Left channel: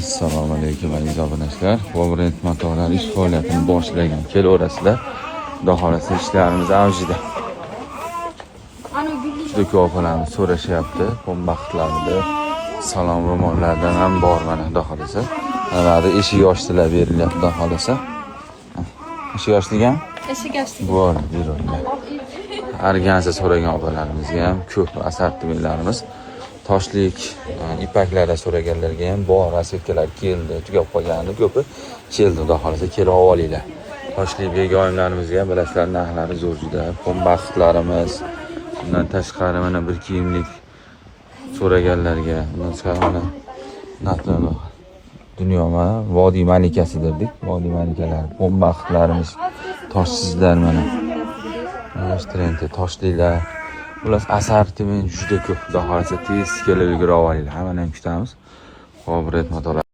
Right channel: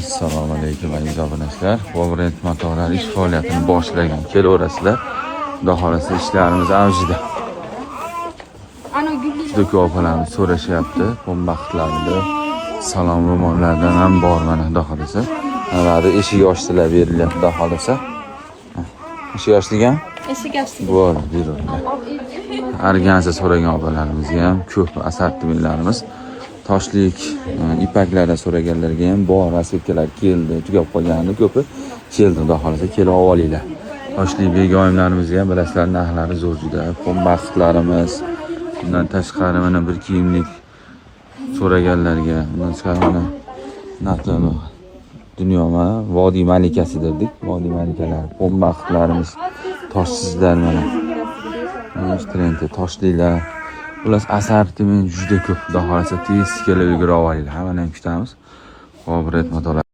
Assalomu alaykum aziz obunachilar. Powerend motorlar ish faoliyatini boshlagan kelaverasizlar. Xudo xolasa ishlarimiz avjida. Juda ko'p opalarimiz so'rashyapti. Qo'lmoqlarida salom umurlardan ham bormi xudo xolasa. Mana eshik ochdilar dedilar xudo xolasa. Eshik ochdigan? Eshik ochdik. Bo'ldi. Argansa so'ragan opalarimiz ham ko'p assortimentlarimiz. Toshlik ipaklardan so'raganlarga ham bog' va sekalar keldi. Tugab qolganlar ko'pi keldi. Xudo xolasa kelib olinglar. Toshlik begonalarimiz ham bilasizlar, narxlari zo'r juda. Qo'lboqlarimiz, bundan tashqari mana bir kiyimlik so'raganlarga, mana dunyoga vodiy malikasi dedik. Vodiy malikasi qo'lboqlarimiz toshsizlarga, mana toshliklar. Ular assortiment juda ko'p. Xudo xolasa tez kelib yugura olinglar. Mana kutamiz. Powerend motorlar